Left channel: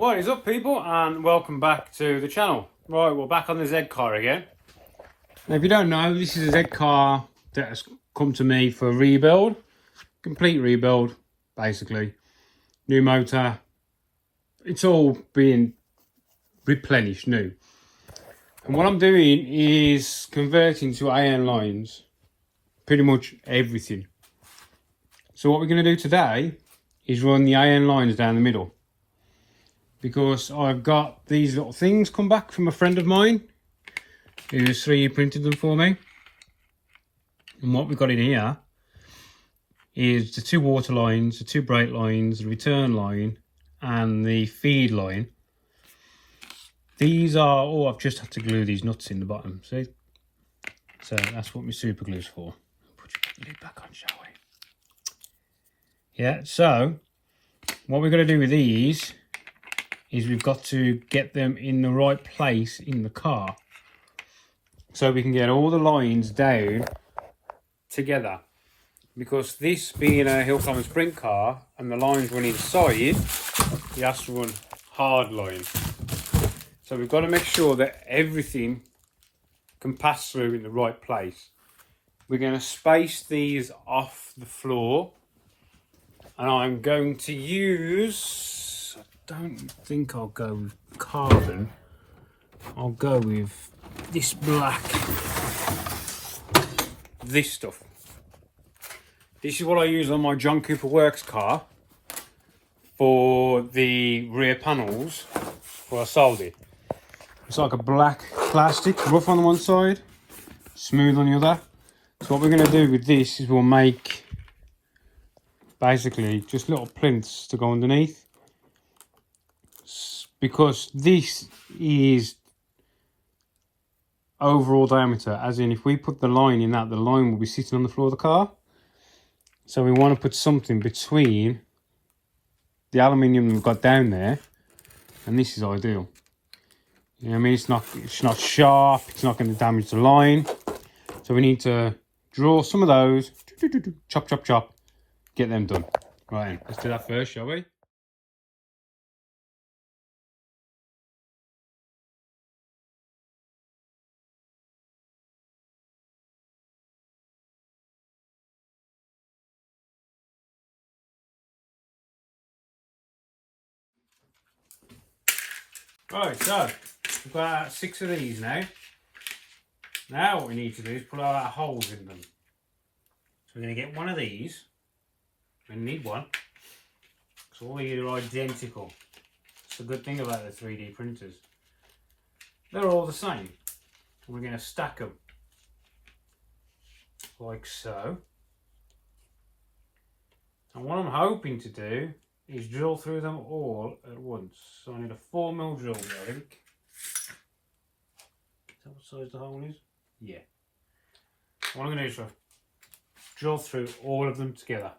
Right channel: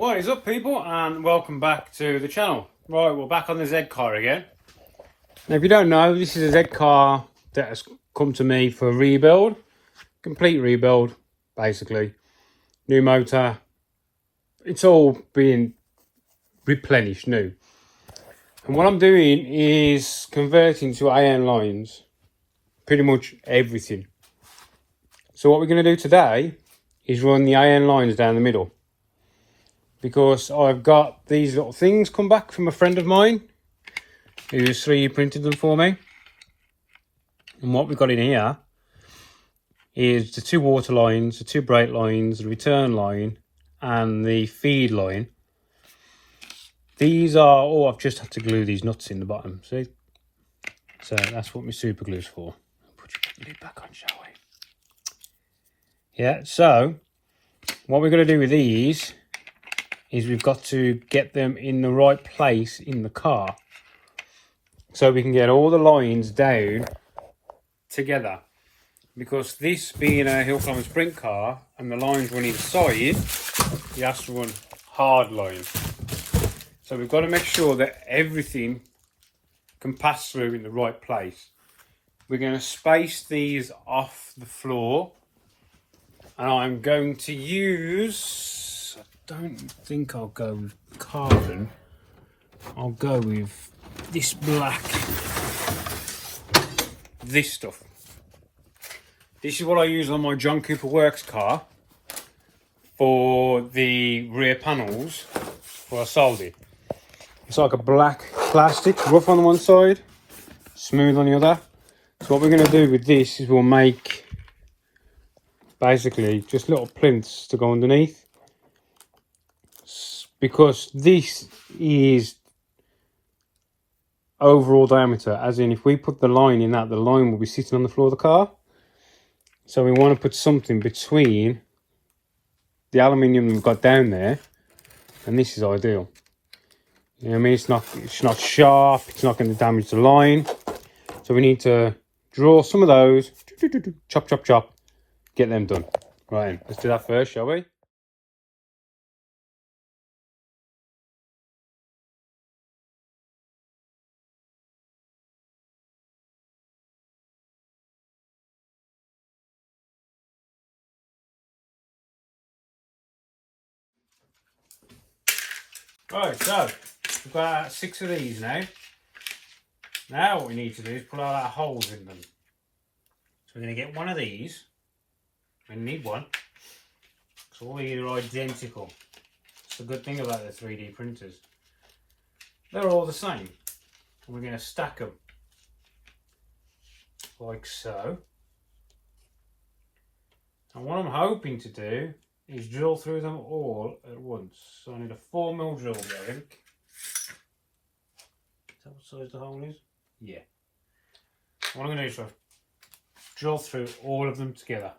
What is up, people, and welcome back to the channel. Right, we're back on the Zcar again. Now, if you don't know, this is a Zcar that has come to me for a rebuild. Complete rebuild, basically. New motor. It's all being replenished new. And what I'm doing is converting to AN lines. Pretty much everything. So what we're going to do today is run the AN lines down the middle. Because I've got these little things come back from a friend of mine who's 3D printed them for me. And what we've got in here is the two water lines, the two brake lines, the return line and the feed line. These are, oh, I've just had to glue these nuts in the bottom, see? So that's what my super glue's for. Put your lid back on, shall we? Yeah, so what we're going to do with these is we've got to get them in the right place in the car so we can get all the lines down together, because this being a hill climb sprint car and the lines run inside, you have to run hard lines. So we've got to make sure that everything can pass through in the right place. We're going to space these off the floor, and I'm going to use, I don't think I'll go with carbon. I'll go with this black, this stuff. This is what I use on my John Cooper Works car for the rear panels where I sold it. It's like a black plastic, rough on one side, smooth on the other. So what we're going to do with this is we'll make basically just little plinths to go underneath. Because this is overall diameter, as in if we put the line in that, the line will be sitting on the floor of the car. So we want to put something between the aluminium we've got down there, and this is ideal. You know what I mean? It's not sharp, it's not going to damage the line. So we need to draw some of those, chop, chop, chop, get them done. Right, let's do that first, shall we? Right, so we've got 6 of these now. Now what we need to do is put all our holes in them. So we're going to get one of these. We need one. So all these are identical. It's the good thing about the 3D printers. They're all the same. And we're going to stack them like so. And what I'm hoping to do is drill through them all at once. So I need a 4mm drill bit, I think. Is that what size the hole is? Yeah. What I'm going to do is drill through all of them together.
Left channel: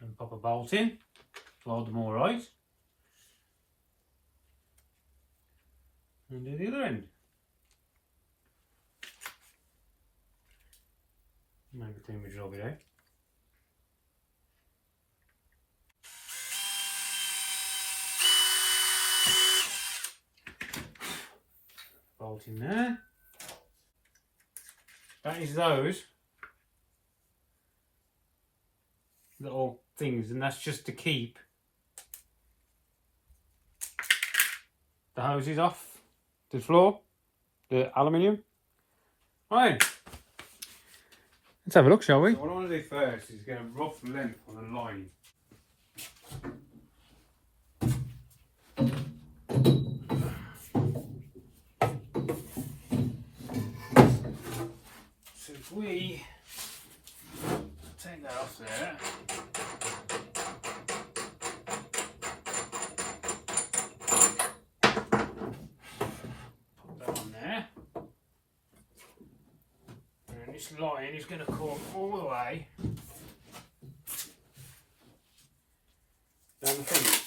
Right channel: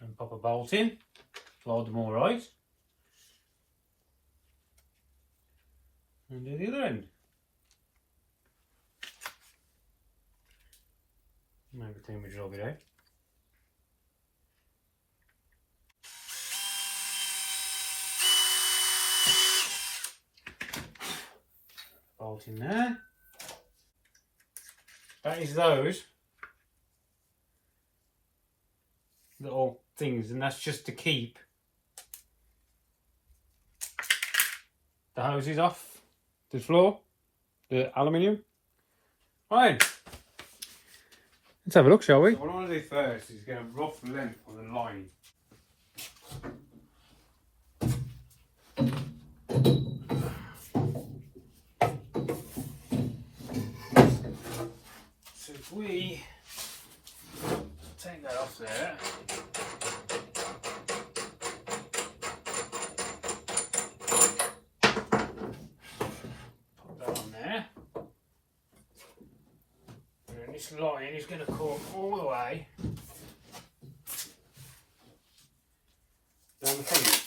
And pop a bolt in, load them all right, and do the other end. Maybe too much drill bit out. Bolt in there. That is those little things, and that's just to keep the hoses off the floor, the aluminium. Right, let's have a look, shall we? What I'm going to do first is get a rough length on the line. So if we take that off there, is going to come all the way down the front.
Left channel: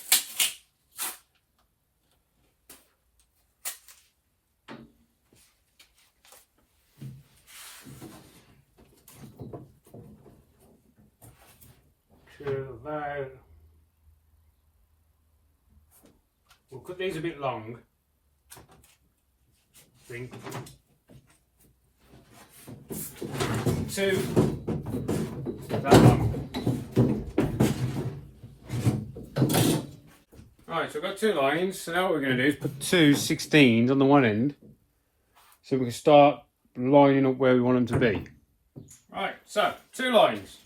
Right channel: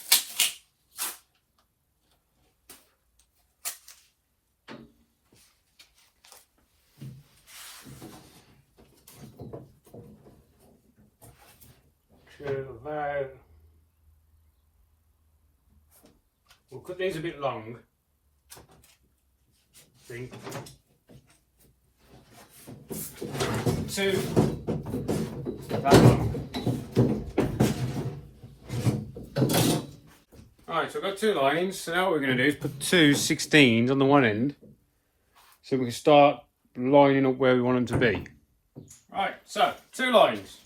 To about, we'll cut these a bit long, I think. To that long. Alright, so I've got two linings, so now what we're going to do is put two 16s on the one end, so we can start lining up where we want them to be. Right, so two lines.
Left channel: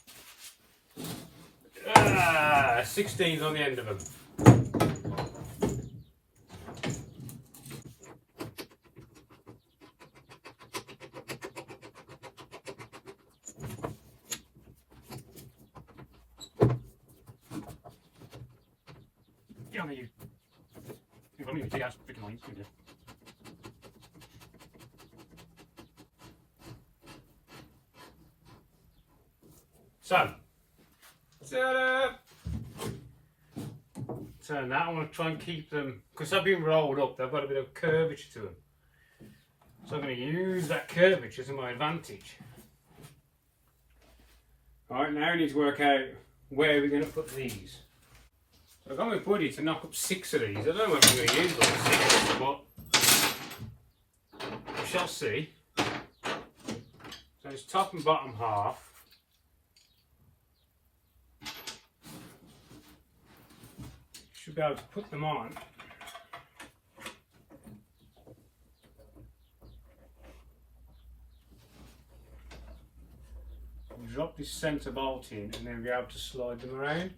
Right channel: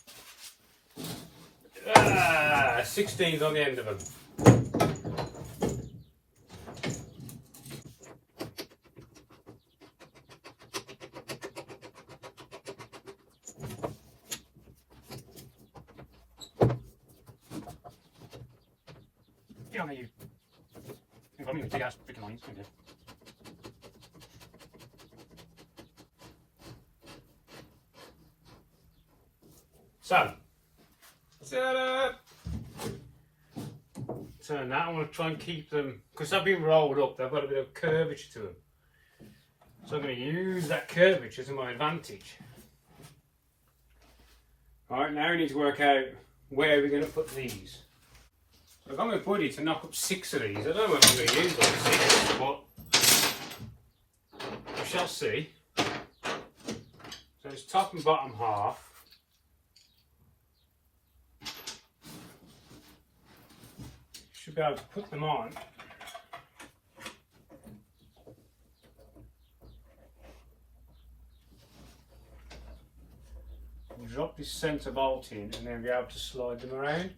16s on the end of them. Get on there, you. You've got me with 2 hours freaking lines. Okay. So, turn that. I want to try and keep them, because they've been rolled up, they've got a bit of curvature to them. So I'm going to use that curvature to my advantage. Right, now we need to work out where we're going to put these. So I've got my buddy to knock up 6 of these. I don't know if I'm going to use all 6, but we shall see. So it's top and bottom half. Should be able to put them on. Drop this centre bolt in and then be able to slide them around,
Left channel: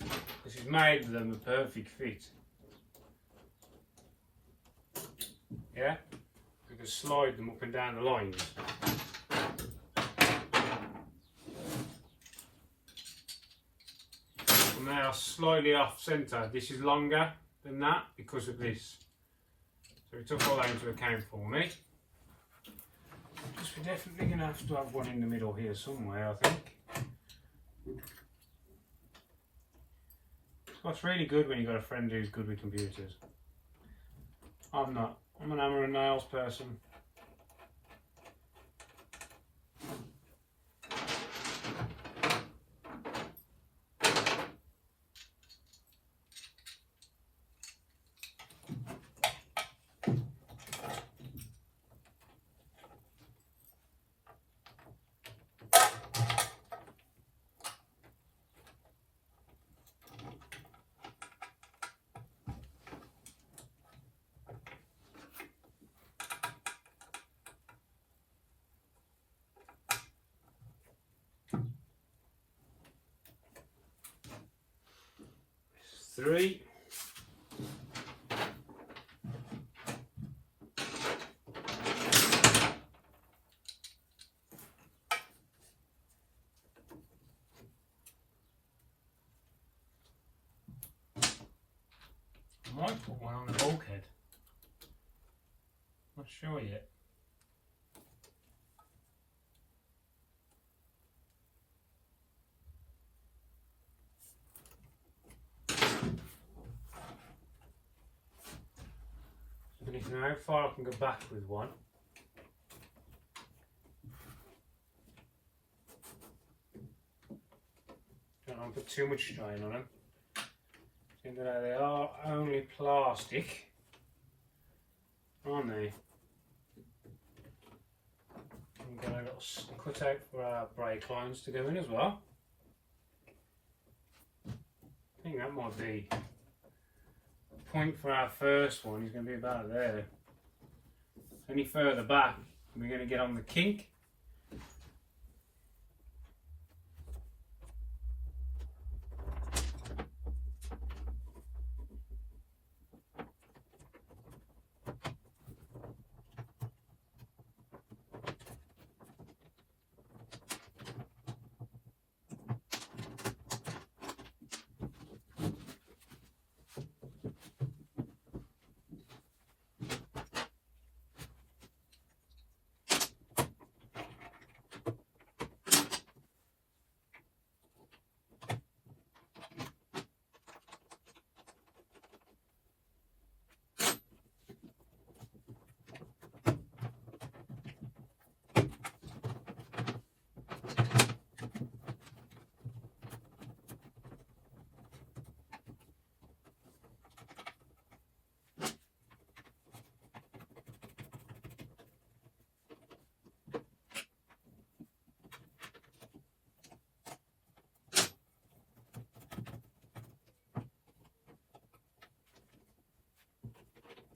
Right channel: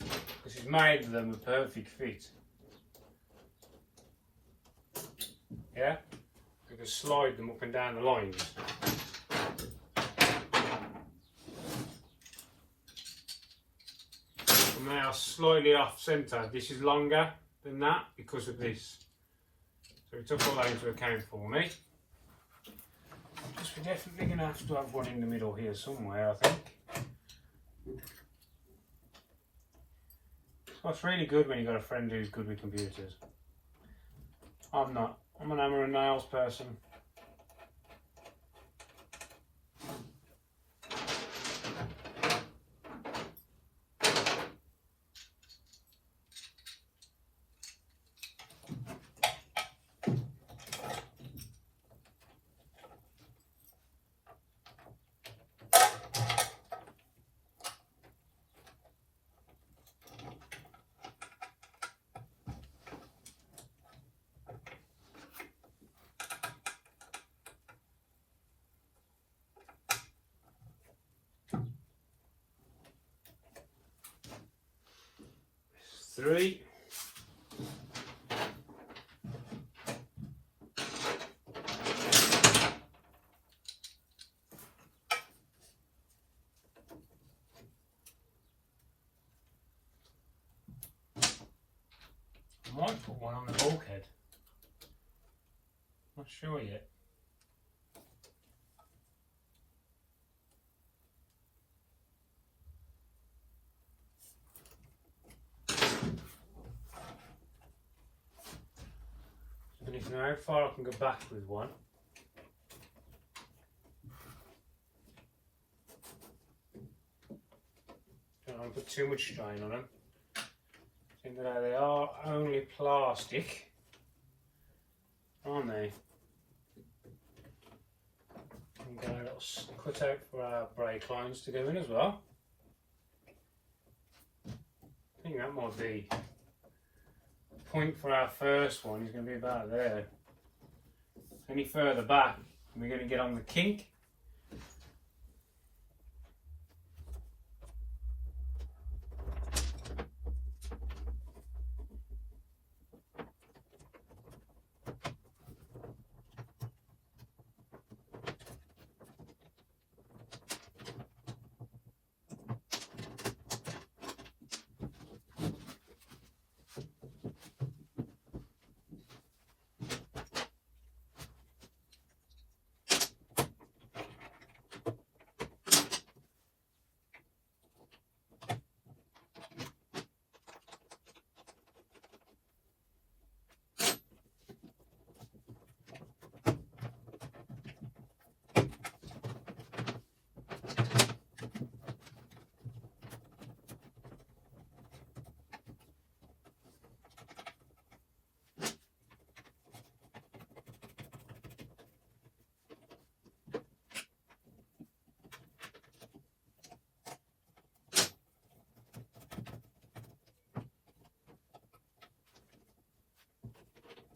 because it's made them a perfect fit. Yeah, you can slide them up and down the lines. I'm now slightly off centre. This is longer than that because of this. So we took all that into account for me. Because we're definitely going to have one in the middle here somewhere, I think. What's really good when you've got a friend who's good with computers. I'm not. I'm an hammer and nails person. Three. I might put one on the bulkhead. Not sure yet. I need to know how far I can go back with one. Don't want to put too much strain on them. Seeing that they are only plastic, aren't they? And got a little cut out for our brake lines to go in as well. I think that might be the point for our first one. Is going to be about there. Any further back, we're going to get on the kink.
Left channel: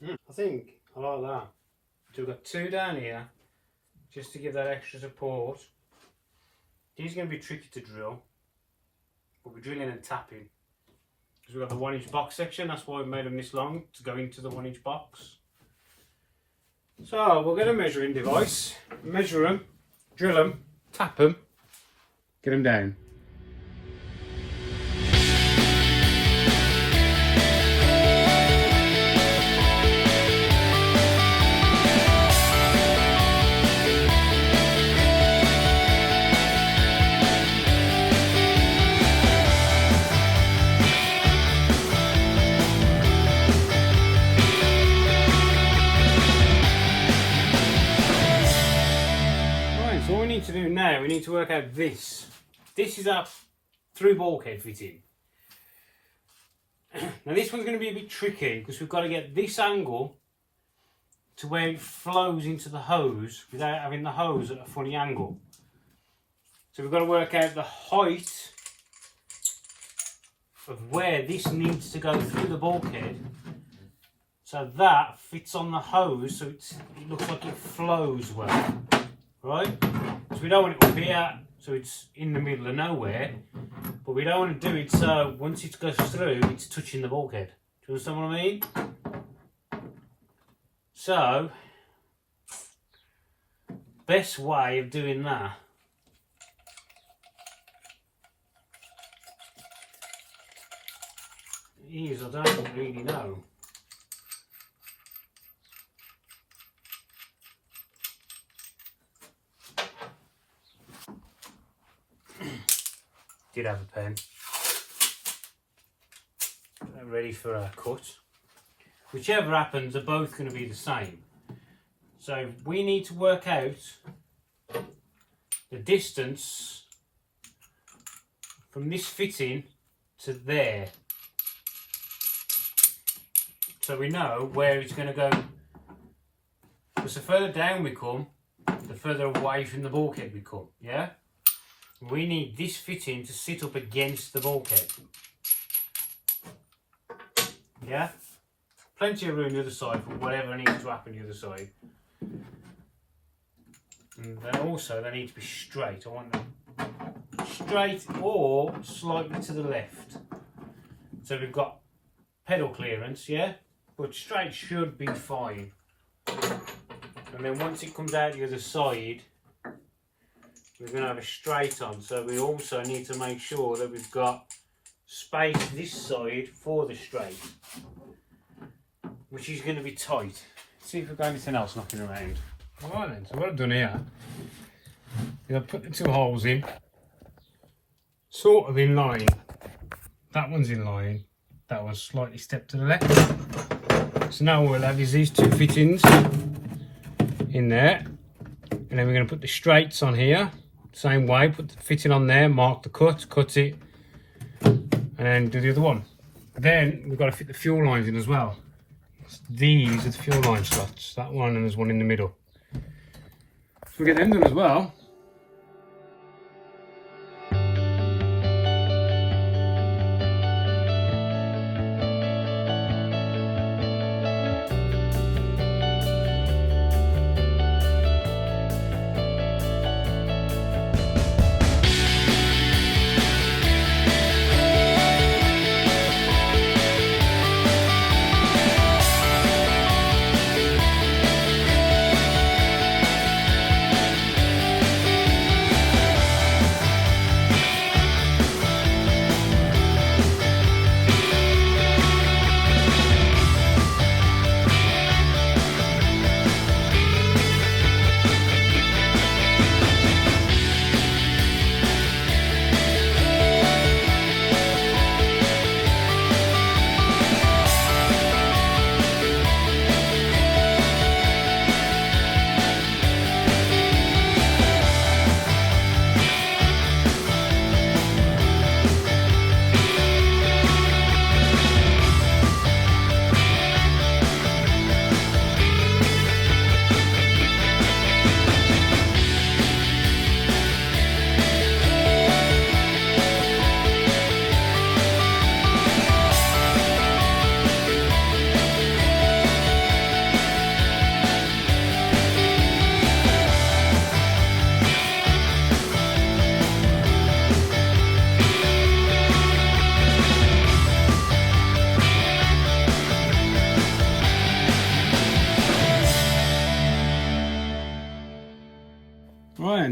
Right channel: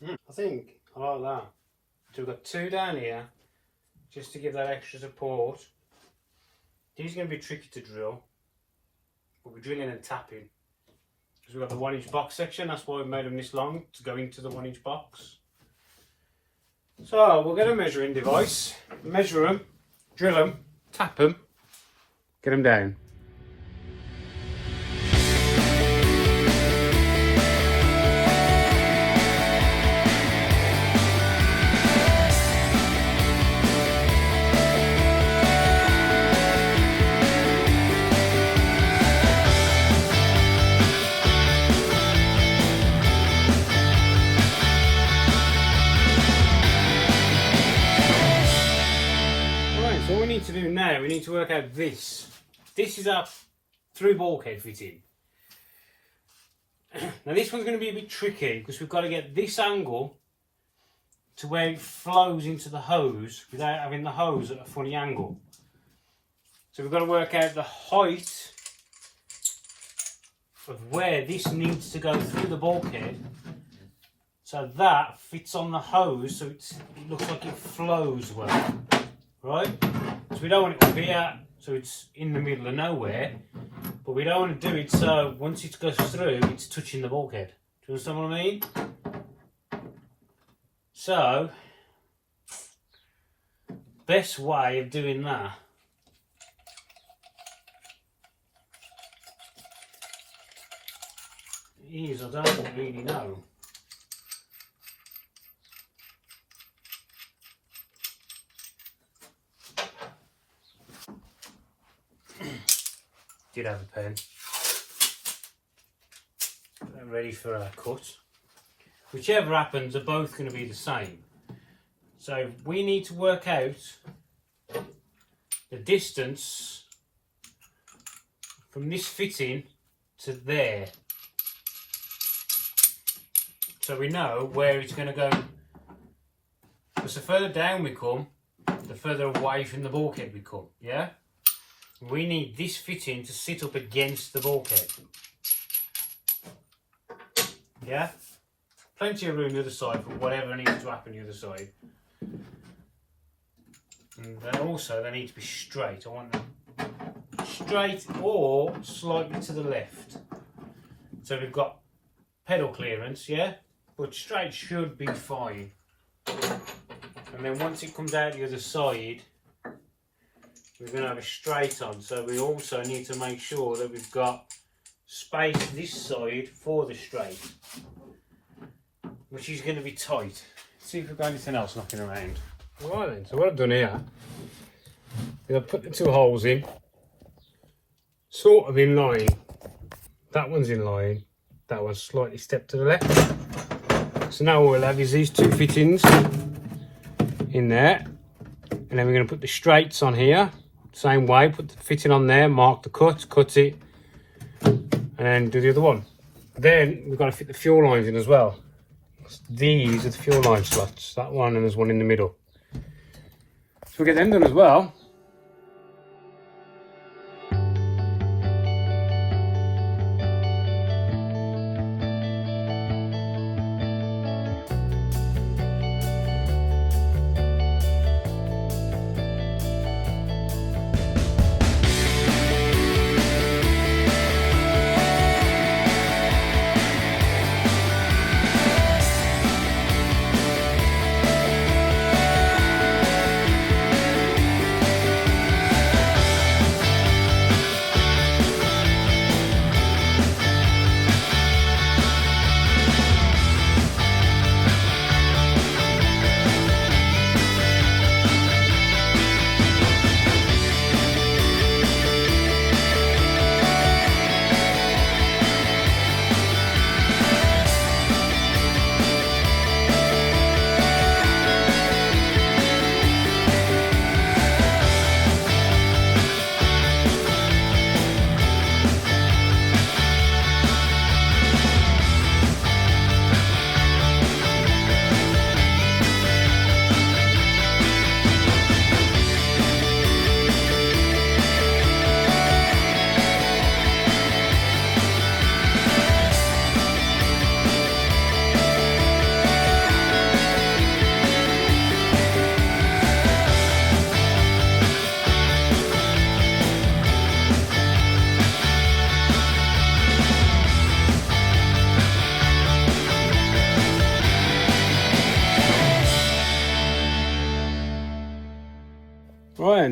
I think I like that. So we've got 2 down here, just to give that extra support. These are going to be tricky to drill, but we're drilling and tapping. Because we've got the 1-inch box section, that's why we made them this long, to go into the 1-inch box. So we'll get a measuring device, measure them, drill them, tap them, get them down. So what we need to do now, we need to work out this. This is our through bulkhead fitting. Now this one's going to be a bit tricky because we've got to get this angle to where it flows into the hose without having the hose at a funny angle. So we've got to work out the height of where this needs to go through the bulkhead so that fits on the hose so it looks like it flows well. Right? So we don't want it up here, so it's in the middle of nowhere, but we don't want to do it so once it goes through, it's touching the bulkhead. Do you understand what I mean? So, best way of doing that is, I don't really know. Did have a pen. Ready for our cut. Whichever happens, they're both going to be the same. So we need to work out the distance from this fitting to there. So we know where it's going to go. Because the further down we come, the further away from the bulkhead we come. Yeah? We need this fitting to sit up against the bulkhead. Yeah? Plenty of room the other side for whatever needs to happen the other side. And then also they need to be straight. I want them straight or slightly to the left. So we've got pedal clearance, yeah? But straight should be fine. And then once it comes out the other side, we're going to have a straight on, so we also need to make sure that we've got space this side for the straight, which is going to be tight. Let's see if we've got anything else knocking around. Alright then, so what I've done here is I've put the 2 holes in, sort of in line. That one's in line, that one's slightly stepped to the left. So now what we'll have is these 2 fittings in there, and then we're going to put the straights on here. Same way, put the fitting on there, mark the cut it, and do the other one. Then we've got to fit the fuel lines in as well. These are the fuel line slots, that one, and there's one in the middle. So we'll get them done as well.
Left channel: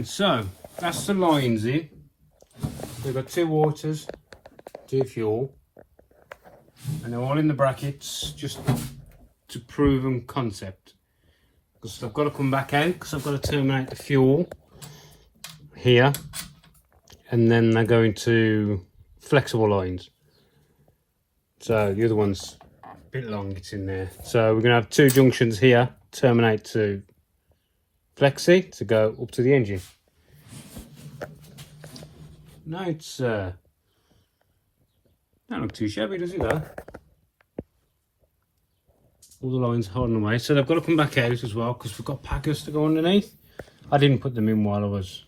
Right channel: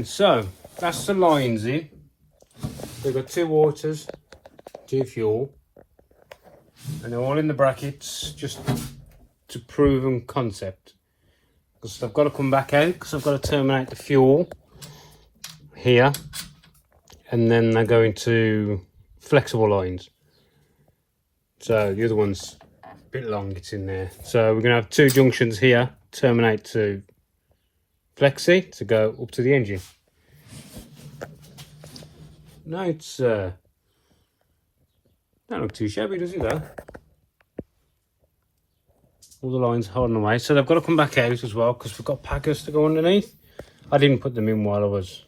And so that's the lines in. They've got 2 waters, 2 fuel, and they're all in the brackets just to proven concept. Because I've got to come back out because I've got to terminate the fuel here, and then they're going to flexible lines. So the other one's a bit long, it's in there. So we're going to have 2 junctions here, terminate to flexi to go up to the engine. No, it's don't look too shabby, does it though? All the lines holding away, so they've got to come back out as well because we've got packers to go underneath. I didn't put them in while I was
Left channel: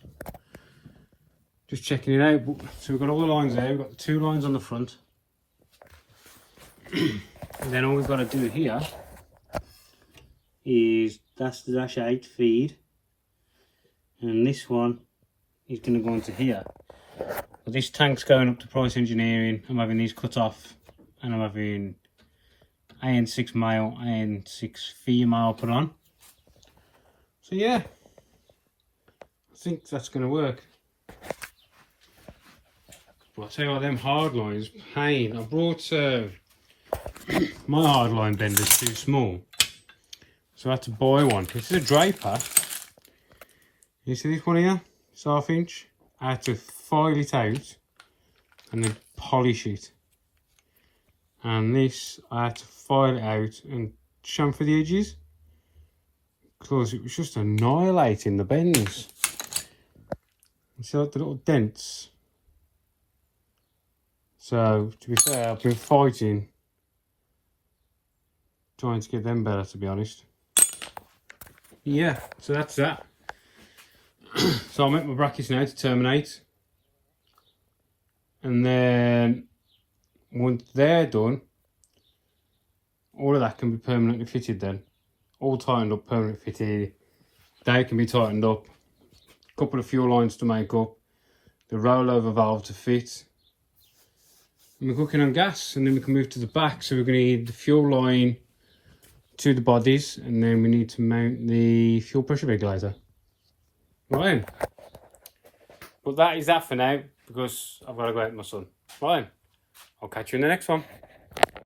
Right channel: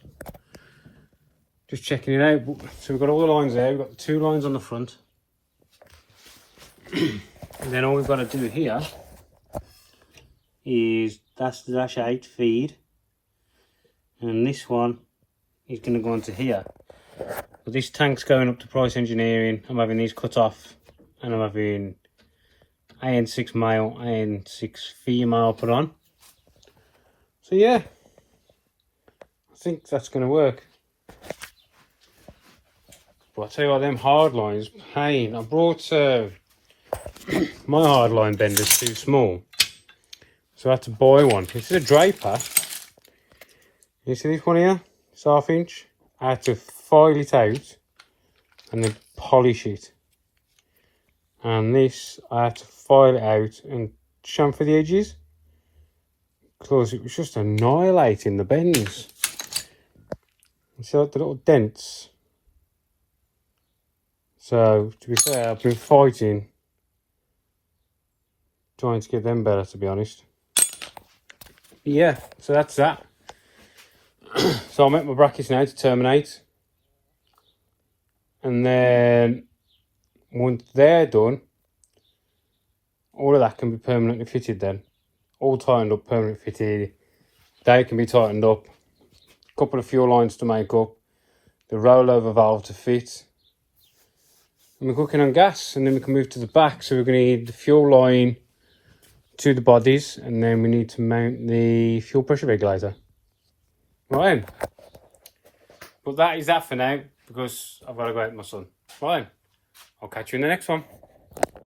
just checking it out. So we've got all the lines there. We've got the 2 lines on the front. And then all we've got to do here is that's the dash 8 feed, and this one is going to go into here. But this tank's going up to price engineering. I'm having these cut off, and I'm having AN6 male, AN6 female put on. So yeah, I think that's going to work. But I'll tell you what, them hard lines, pain. I brought my hard line bender's too small, so I had to buy one. This is a draper. You see this one here? It's 1/2 inch. I had to file it out and then polish it. And this, I had to file it out and chamfer the edges because it was just annihilating the bends. You see like the little dents? So, to be fair, I've been fighting trying to get them better, to be honest. Yeah, so that's that. So I'll make my brackets now to terminate. And then once they're done, all of that can be permanently fitted then. All tightened up, permanently fitted. They can be tightened up. A couple of fuel lines to make up. The rollover valve to fit. And we're cooking on gas, and then we can move to the back. So we're going to need the fuel line to the bodies, and then we need to mount the fuel pressure regulator. Right. But that is that for now, because I've got to go out with my son. Right. I'll catch you in the next one.